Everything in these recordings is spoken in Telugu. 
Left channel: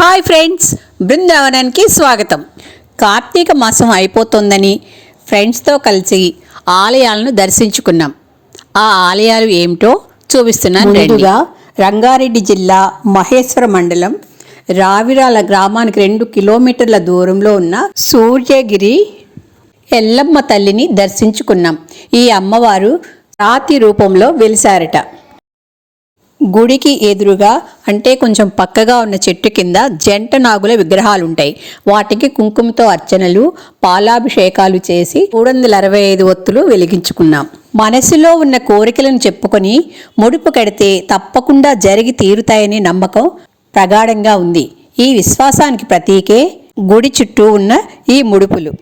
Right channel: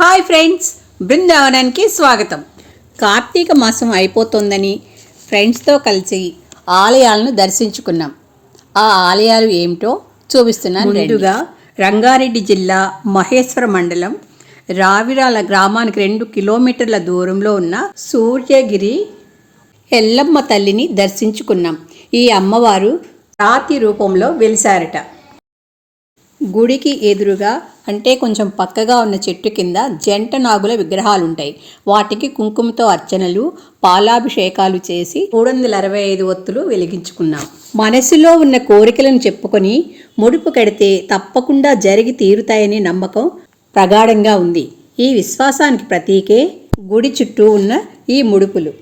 హాయ్ ఫ్రెండ్స్, బృందావనానికి స్వాగతం. కార్తీక మాసం అయిపోతుందని ఫ్రెండ్స్తో కలిసి ఆలయాలను దర్శించుకున్నాం. ఆ ఆలయాలు ఏమిటో చూపిస్తున్నాను. ముందుగా రంగారెడ్డి జిల్లా మహేశ్వర మండలం రావిరాల గ్రామానికి 2 కిలోమీటర్ల దూరంలో ఉన్న సూర్యగిరి ఎల్లమ్మ తల్లిని దర్శించుకున్నాం. ఈ అమ్మవారు రాతి రూపంలో వెలిసారట. గుడికి ఎదురుగా అంటే కొంచెం పక్కగా ఉన్న చెట్టు కింద జంట నాగుల విగ్రహాలుంటాయి. వాటికి కుంకుమతో అర్చనలు, పాలాభిషేకాలు చేసి 365 ఒత్తులు వెలిగించుకున్నాం. మనసులో ఉన్న కోరికలను చెప్పుకొని ముడుపు కడితే తప్పకుండా జరిగి తీరుతాయనే నమ్మకం ప్రగాఢంగా ఉంది. ఈ విశ్వాసానికి ప్రతీకే గుడి చుట్టూ ఉన్న ఈ ముడుపులు.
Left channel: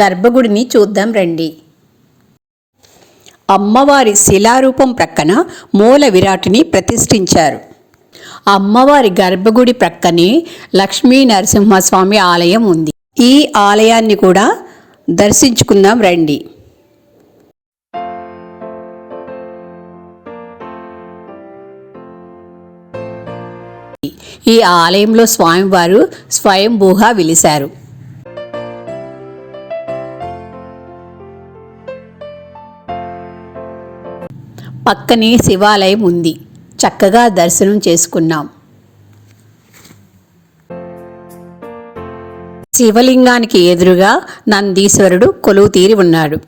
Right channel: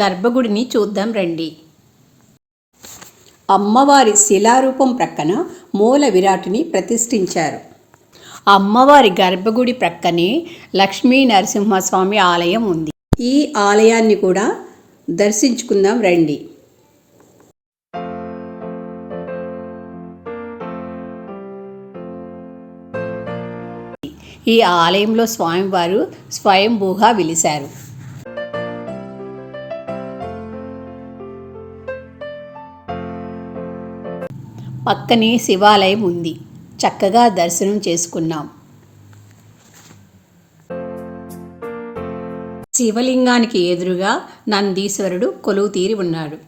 గర్భగుడిని చూద్దాం రండి. అమ్మవారి శిలారూపం ప్రక్కన మూల విరాటుని ప్రతిష్ఠించారు. అమ్మవారి గర్భగుడి ప్రక్కనే లక్ష్మీ నరసింహస్వామి ఆలయం ఉంది. ఈ ఆలయాన్ని కూడా దర్శించుకుందాం రండి. ఈ ఆలయంలో స్వామివారు స్వయంభూగా వెలిశారు. పక్కనే శివాలయం ఉంది. చక్కగా దర్శనం చేసుకున్నాం. శివలింగానికి ఎదురుగా నందీశ్వరుడు కొలువు తీరి ఉన్నాడు.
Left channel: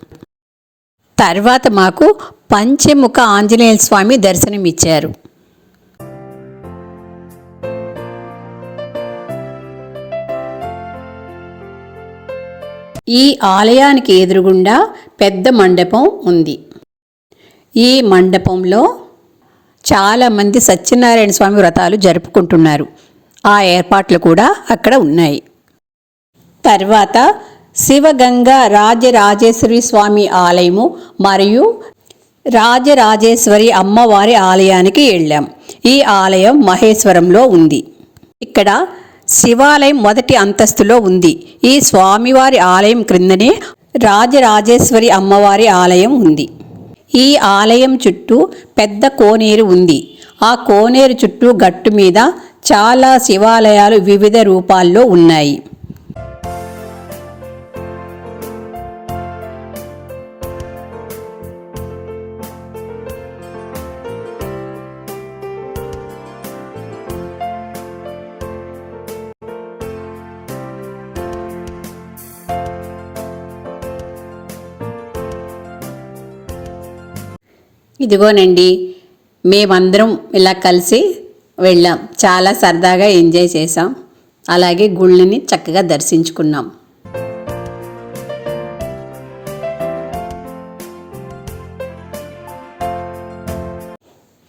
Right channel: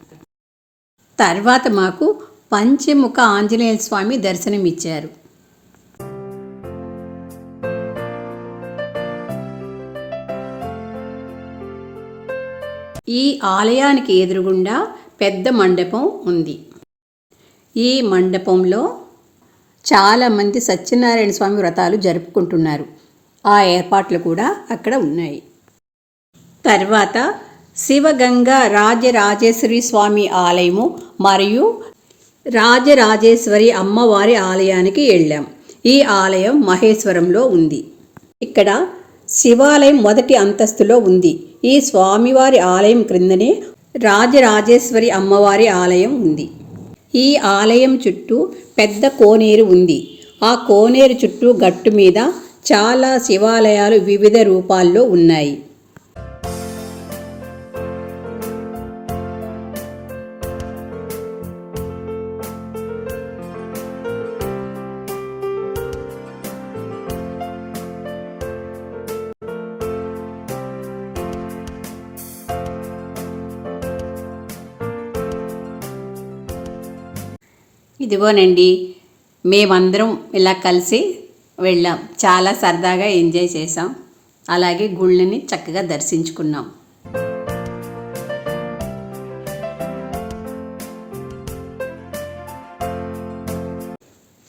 తర్వాత మాకు పంచముఖ ఆంజనేయ స్వామి దర్శనమిచ్చారు. ఈ ఆలయానికి ఎదురుగుండా పెద్ద మండపం ఉంది. ఈ మండపంలో చాలామంది సత్యనారాయణ స్వామి వ్రతాలు జరుపుకుంటున్నారు. ఆ ఏర్పాట్లు కూడా అక్కడ ఉన్నాయి. తర్వాత శివగంగా రాజరాజేశ్వరి స్వామి ఆలయము మరియు రాజరాజేశ్వరి అమ్మవారి ఆలయానికి వెళ్ళాం. ఈ ఆలయం మహేశ్వరంలో ఉంది. ఇక్కడ శివాలయం మొదటి అంతస్తులో ఉంది. ఈ స్వామివారి ఆలయం క్రిందనే రాజరాజేశ్వరి అమ్మవారి ఆలయం ఉంది. ఈ ఆలయం చుట్టూ పెద్ద కోనేరు ఉంది. ఆ కోనేరు చుట్టూ గట్టు మీద చాలా శివాలయాలు వివిధ రూపాల్లో ఉన్నాయి. ఇదిగోనండి, మేమందరం ఇలా కలిసి వెళ్ళాం. చాలా సరదాగా ఎంజాయ్ చేసాం. అలాగే గుళ్ళని చక్కగా దర్శించుకున్నాం.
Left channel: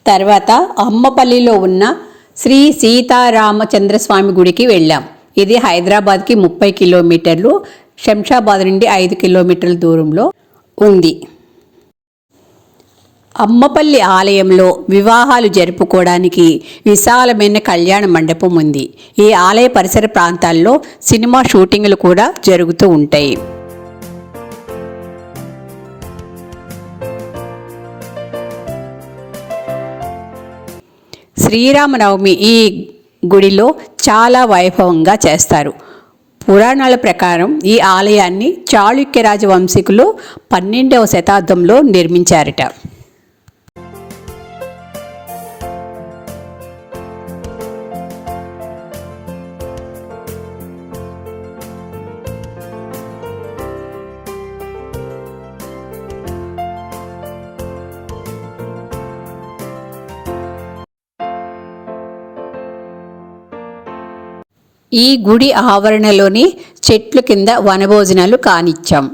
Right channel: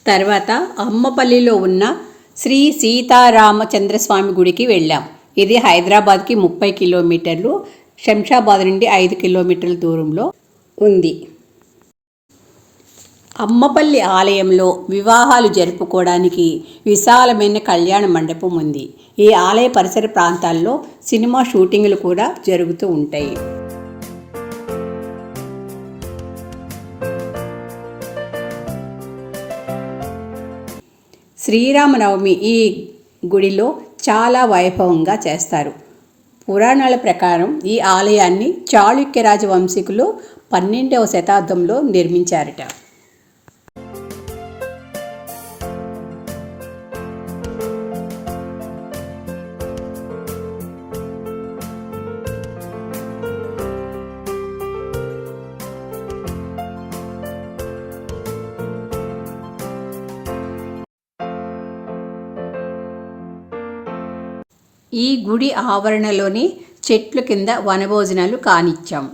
తర్వాత అమ్మపల్లిలో ఉన్న శ్రీ సీతారామచంద్రస్వామి గుడికి వెళ్ళాం. ఇది హైదరాబాద్కి 30 కిలోమీటర్లు, శంషాబాద్ నుండి 5 కిలోమీటర్ల దూరంలో ఉంది. అమ్మపల్లి ఆలయంలో వివాహాలు జరుపుకోవడానికి విశాలమైన కళ్యాణ మండపం ఉంది. ఈ ఆలయ పరిసర ప్రాంతాల్లో సినిమా షూటింగ్లు కూడా జరుగుతూ ఉంటాయి. శ్రీరామనవమి ఈ గుడిలో చాలా వైభవంగా చేస్తారు. పురాణాల ప్రకారం ఈ ఆలయాన్ని చాళుక్య రాజవంశీకులు 12వ శతాబ్దంలో నిర్మించారట. ఈ గుడి ఆవరణలోని చెట్లు కింద వనభోజనాలు కానిచ్చాం.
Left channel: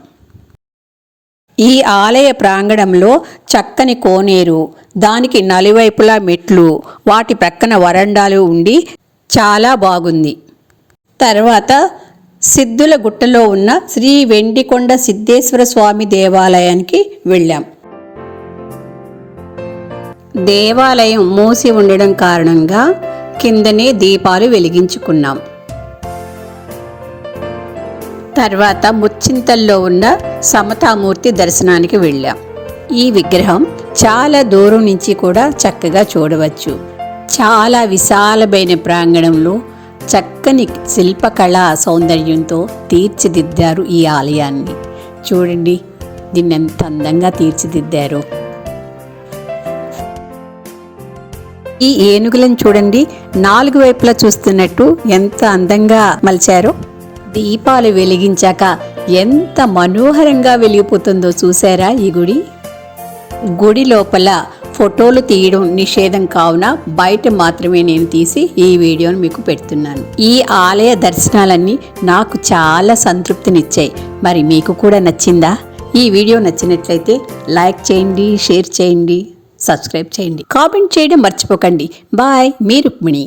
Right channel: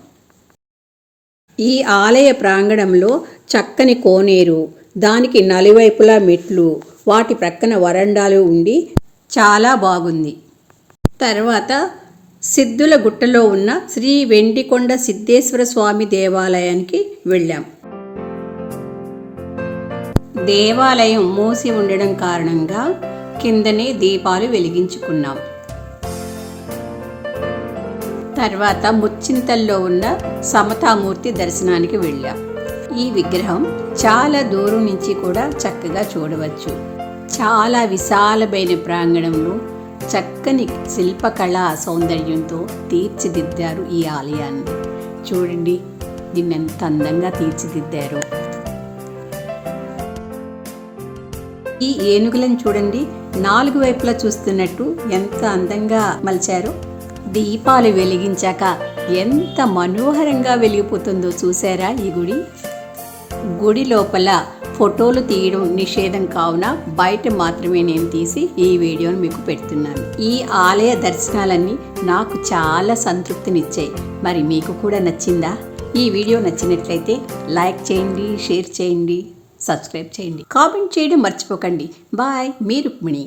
ఈ ఆలయ ప్రాంగణంలో చక్కని కోనేరు, దానికి నలువైపులా మెట్లు, వాటి ప్రక్కన వరండాలు ఉండి చాలా బాగుంది. తర్వాత సిద్ధుల గుట్టలో ఉన్న శ్రీ వెండికొండ సిద్ధేశ్వర స్వామి దేవాలయానికి వెళ్ళాం. దేవాలయం మూసి ఉండడం కారణంగా కిందనే దీపాలు వెలిగించుకున్నాం. తర్వాత ముచ్చింతల్లో ఉన్న సమతామూర్తి దర్శనానికి వెళ్ళాం. ఈ విగ్రహం చాలా దూరం నుంచి కూడా చక్కగా చూడవచ్చు. చాలా విశాలమైన ప్రాంగణంలో చక్కని శిల్పకళా సౌందర్యంతో తీర్చిదిద్దారు ఈ ఆలయాన్ని. చూడండి దీన్ని ఎంత అందంగా తీర్చిదిద్దారు. ఈ ఏనుగులను చూడండి, 4 వైపులా చూస్తున్నట్టు ఎంత అందంగా మలిచారో. దీపాలు వెలిగించాక ఎంత మనోహరంగా వెలిగిపోతుందో చూసారా ఈ గుడి. గుడి లోపల ఫోటోలు తీయడం నిషేధం కావున బయట మాత్రమే నేను తీసి ఈ వీడియోను మీకు పెడుతున్నాను. ఈ ఆలయ దర్శనాలన్నీ నాకు చాలా సంతృప్తినిచ్చాయి. మరి మీకు కూడా నచ్చిందా? ఈ వీడియో నచ్చినట్లయితే లైక్ చేయండి, షేర్ చేయండి, సబ్స్క్రైబ్ చేయండి, కామెంట్ చేయడం మర్చిపోకండి. బాయ్, మీ రుక్మిణి.